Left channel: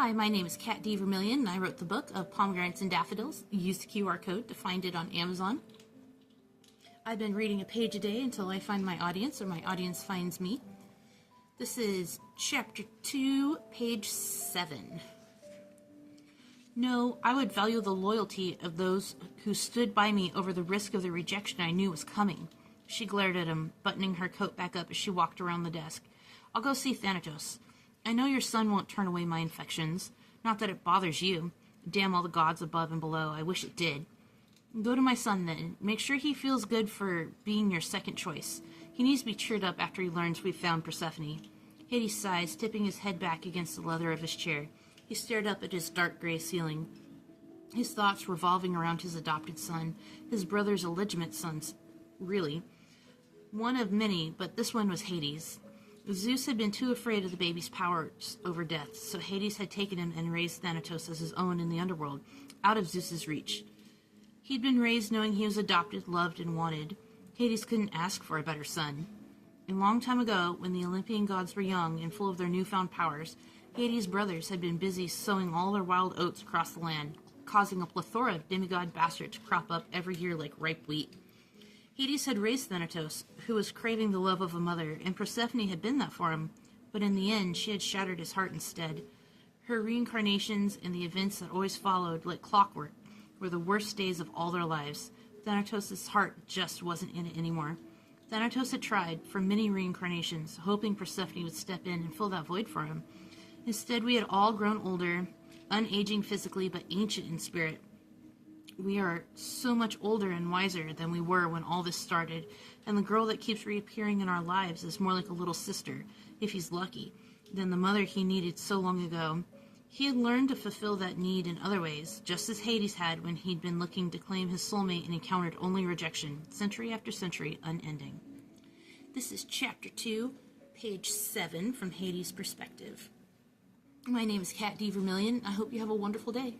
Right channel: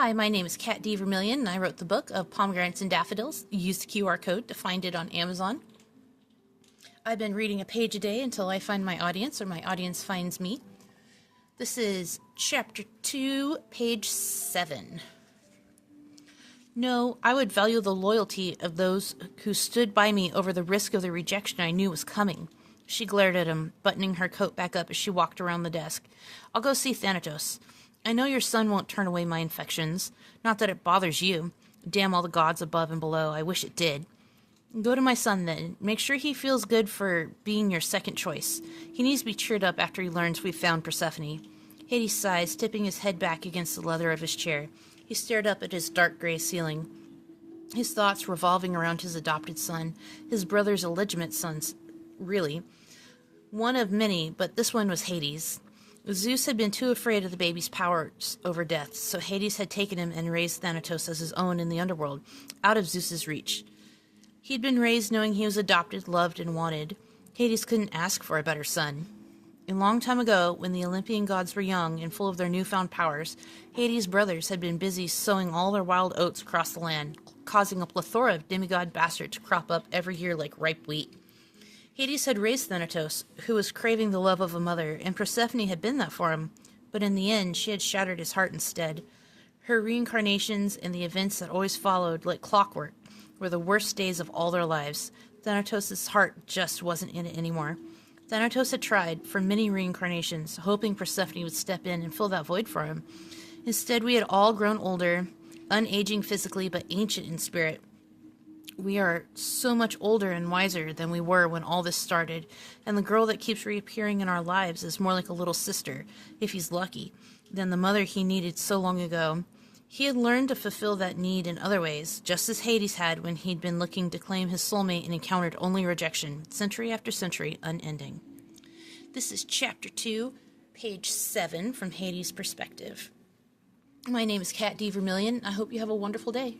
Hi, my name is Kat D. Vermillion, and I wrote the book of Pomegranates and Daffodils. Use the QR code to find it on Amazon. I've been reading a page a day until I find my audience or my audience finds me. This is Chapter 2, page 7. No, I would value the loyalty of those who stood by me over the risk of the rejection I knew was coming. She glared at him, buttoning her coat back up as she walked around the desk. I'll go see Thanatos. I know your son won't turn away my infections. Not that it bothers you. Damn all the gods above and below. I wish it did. Go to my son, then. Make sure he feels good for being your second choice. He needs to be cheered up after he learns we've found Persephone. Hades sighs, tipping his head back against the leather of his chair. He stared up at his dark gray ceiling, his thoughts revolving around his adopted son, his brother's illegitimate sons, really. One of many, but this one was Hades. Zeus had been too afraid of the baby's powers over death, so Hades had taken him and raised Thanatos as his own in the underworld, out of Zeus's reach. He'd been raised knowing he was adopted, loved, and wanted. Hades couldn't ask for a better son. A long time ago, when the Olympian gods were young and full of their newfound powers, Hades' brothers had been busy sowing all their wild oats across the land, causing a plethora of demigod bastards to crop up every year like ripe wheat. Hades had raised Thanatos, who was craving the love of a mother, and Persephone had been that for him, but in the end she had shattered his heart instead. Her reincarnations and the events that always followed, like clockwork, were the worst days of all their lives. Thanatos' heart just wasn't in it anymore. Thanatos had tried, for many reincarnations, hoping Persephone would step in and fill that void for him. Instead, we had all grown older, unaging physically but ancient in spirit. We are so much older and wiser than we were when all this started, and the girl that keeps reappearing in our lives is more like a little sister, if he's lucky, than the mother he needed so long ago. He had learned to fulfill that need in other ways, just as Hades had when he'd been looking to claim his soulmate and encountered only rejection, century after century, unending. This is Chapter 2, page 7, from Hades' perspective. My name is Kat D. Vermillion. I hope you have a wonderful day.